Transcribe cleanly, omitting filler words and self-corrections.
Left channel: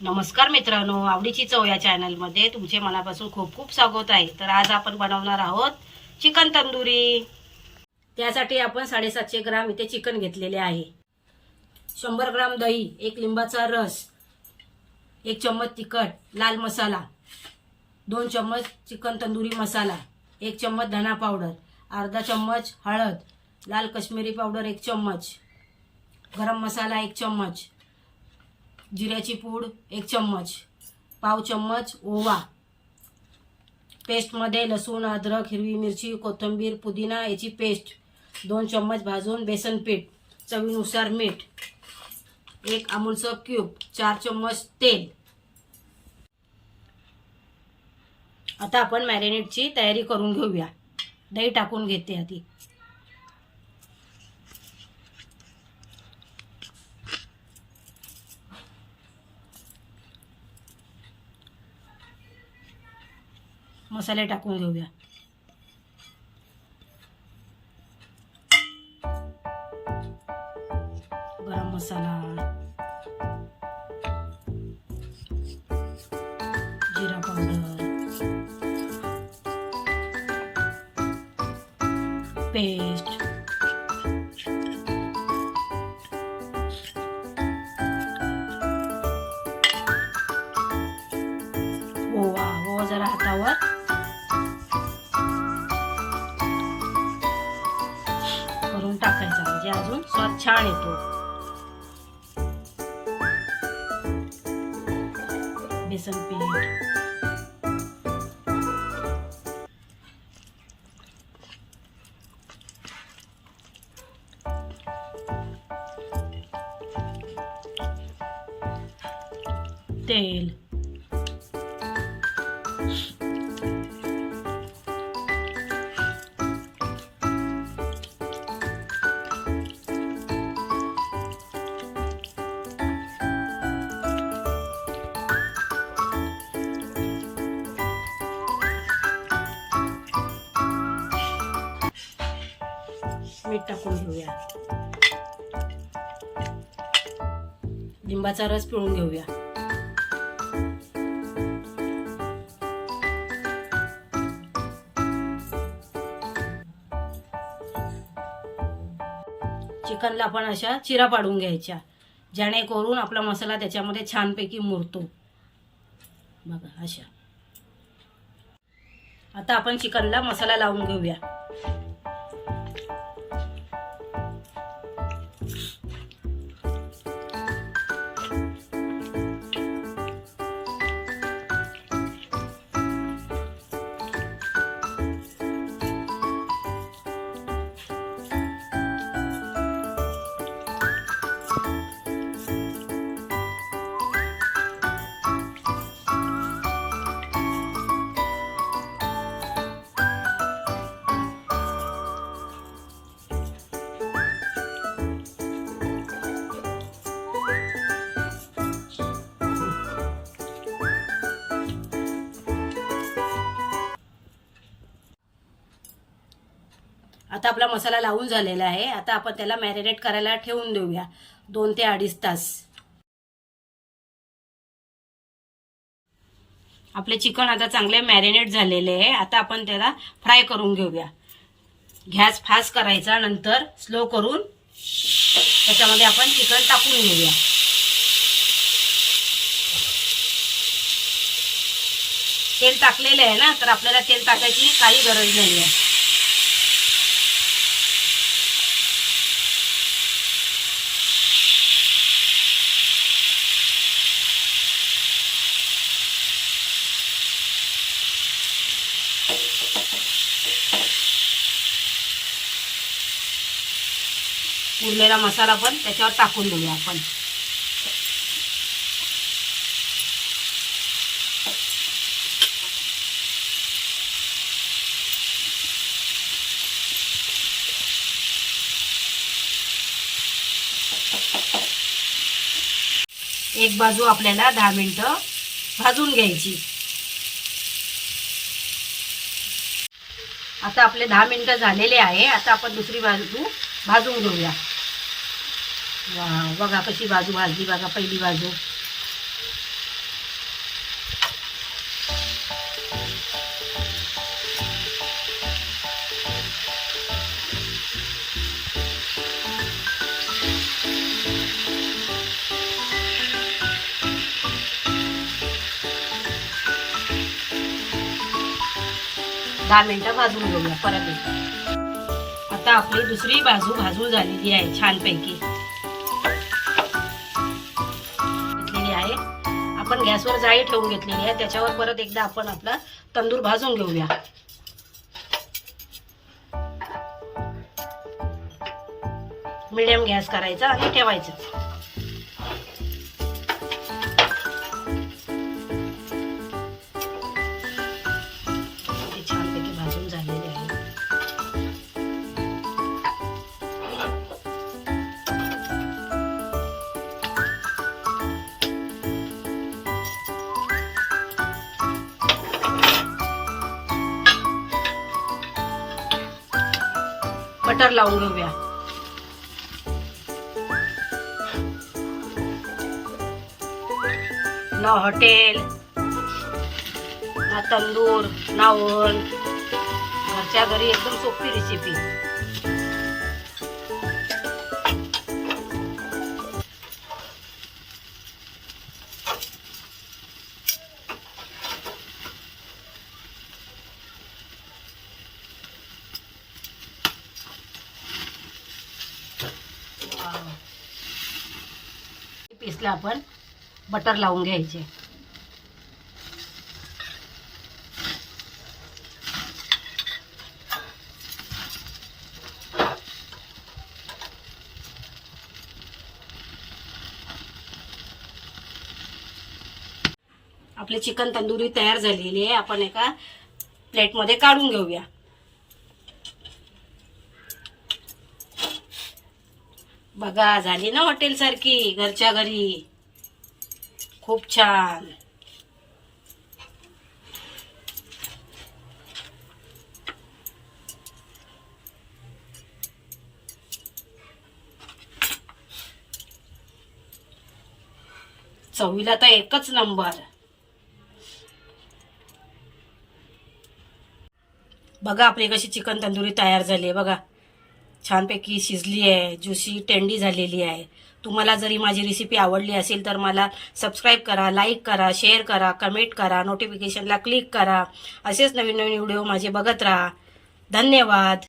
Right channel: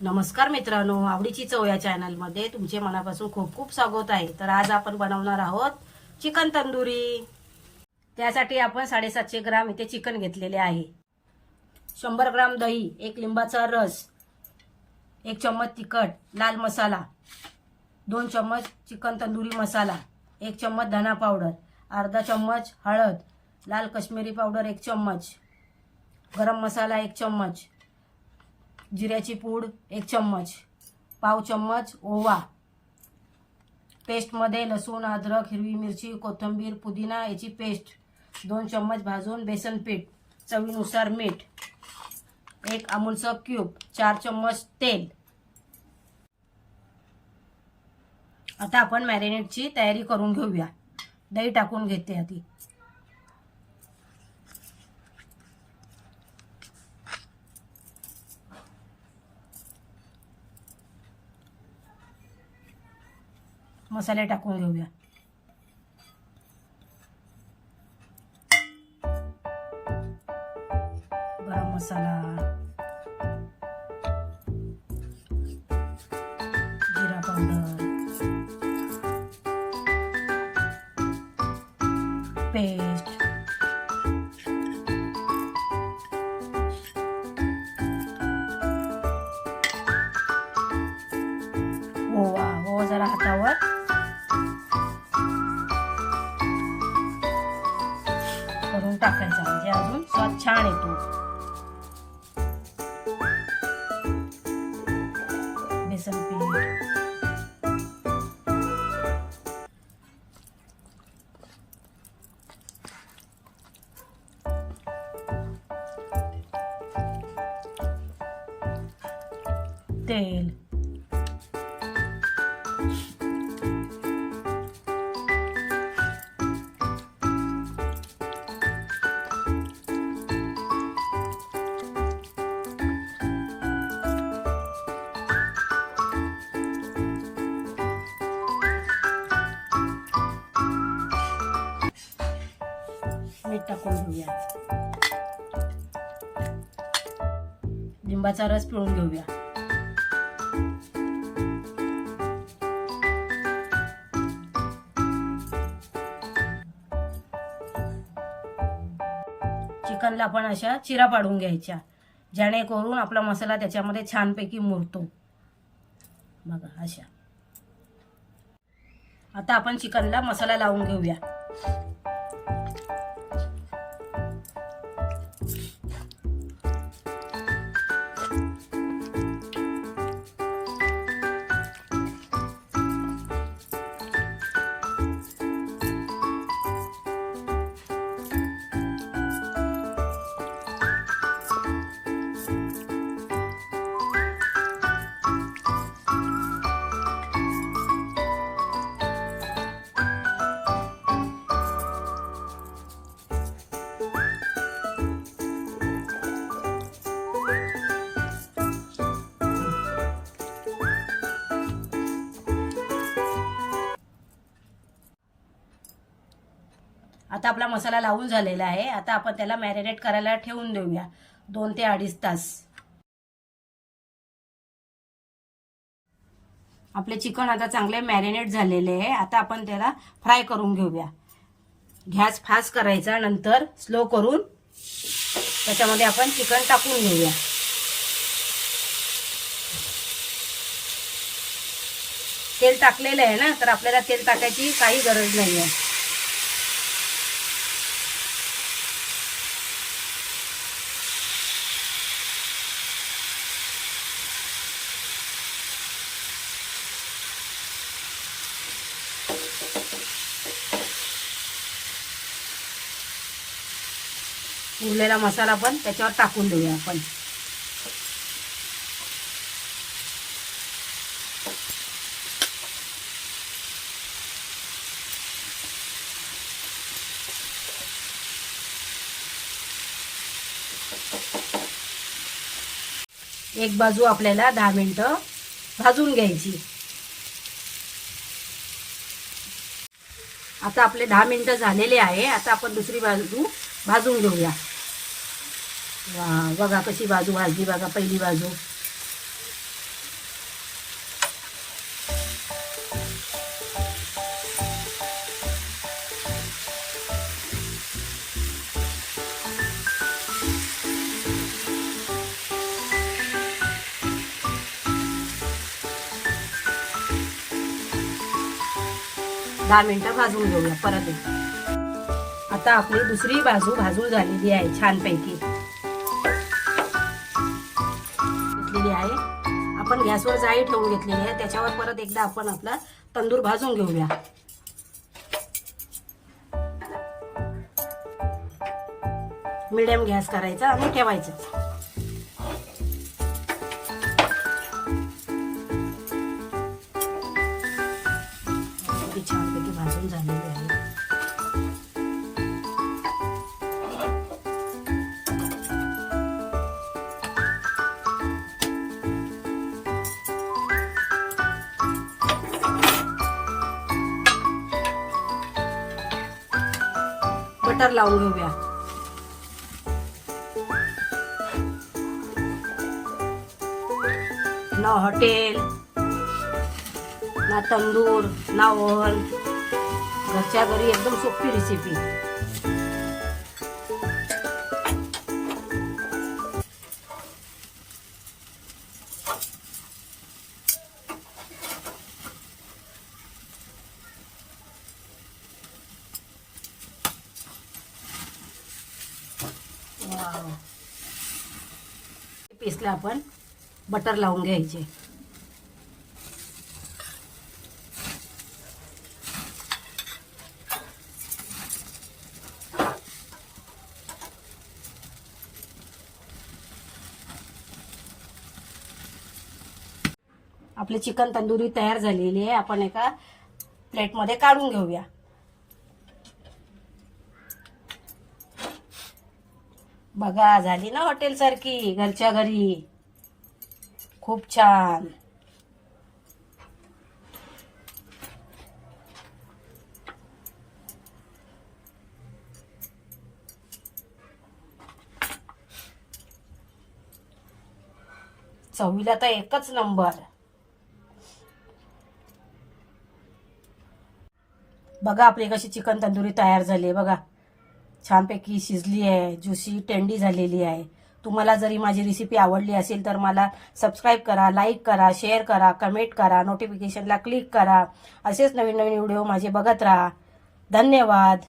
नमस्कार मित्रांनो, आवडीची चव या चॅनलमध्ये तुमचे मनापासून खूप खूप स्वागत आहे। तर आज आपण बनवणार आहोत चिकन तंदुरी। त्यासाठी आपण 750 ग्राम इथे चिकन घेतलेले आहे। 100 ग्राम दही, एक लिंबाचा रस, 1 चम्मच तिखट, लाल मसाला, 2 चम्मच चिकन तंदुरी मसाला, 1 चम्मच धना पावडर, अर्धा चम्मच हळद, लाल कश्मीरी पावडर 1 चम्मच, गरम मसाला 1 चम्मच, जिऱ्याची पूड 1 चम्मच, पाव चम्मच ओवा, पेस्टमध्ये लसूण, अद्रक, हिरवी मिरची, कोथिंबीर, पुदिना याची पेस्ट, 2 चम्मच भाजून बेसन पीठ, चवीनुसार मीठ, 1 अमूलचं क्यूब, 4 चम्मच तेल। आता आपण मॅरिनेटची तयारी करून घेऊया। दही टाकून घेते आधी। मसाले टाकून घेऊया। गरम मसाला, जिरा पावडर, पेस्ट, ओवा जरा हातावर करून टाकायचा, म्हणजे अजून स्वाद छान येतो। बेसन पीठ, तेल, मीठ टाकून घेऊया। लिंबाचा रस पिळून घेऊया। चिकनला आपण अशा चिरा पाडून घ्यायच्या, जेणेकरून आपला मसाला त्याच्यामध्ये छानपैकी मुरतो। बघा अशा। आता आपण चिकनला मसाला लावून घेऊया। आता आपला मसाला लावून झालेला आहे। आता आपण त्याला मॅरिनेट करायला ठेवून देऊया 2 ते 2.5 तास। आपले चिकन आता चांगले मॅरिनेट झालेले आहे। आता आपण त्याला फ्राय करून घेऊया। गॅस फास्ट करायचा, नंतर स्लो करून त्याच्यामध्ये आपण चिकन टाकून घेऊया। तेल टाकलेलं आहे ना, तर आपल्याला तेल टाकायची काही गरज नाही आहे। उरलेला मसाला पण त्याच्यावर टाकून देऊया आपण। एक बाजू आपल्याला 10 मिनिटं भाजून घ्यायची। आता आपले 10 मिनिटं झालेले आहे। आता आपण दुसरी बाजू भाजून घेऊया। बघा कशी बाजू भाजली, बघा पहिली बाजू 10 मिनिटं भाजून घेऊया परत एकदा. आता आपली दुसरी बाजू भाजून झालेली आहे छानपैकी घेतलेली आहे. आपण गॅसवर जाळी ठेवून घेतलेली आहे. त्याच्यावर परत एकदा आपण आपला तंदूर भाजून घेऊया. मीडियम गॅस करायचा आणि ठेवायचं. छानपैकी भाजून झालेली आहे. बटर लावून घेऊया. ना हॉटेल ना तंदूर ना ओव्हन, घरच्या घरी एकदम सोपी रेसिपी. पीसला आपण बटर लावून घ्यायचे. आपली चिकन तंदुरी तयार झालेली आहे. आपण एका प्लेटमध्ये काढून घेऊया. बघा, झाली ना हॉटेल सारखी घरच्या घरी. खूप छान. चवीला तर एकच नंबर. बघा आपली कशी चिकन तंदुरी तयार झाली आहे. बघा छानपैकी शिजली आहे, ज्युसी टेंडी झालेली आहे. तुम्हाला जरी माझी रेसिपी आवडली असेल तर मला सबस्क्राईब करा, लाईक करा, शेअर करा, कमेंट करा, नोटिफिकेशनला क्लिक करा. असेच नवीन नवीन व्हिडिओ माझे बघत राहा. धन्यवाद.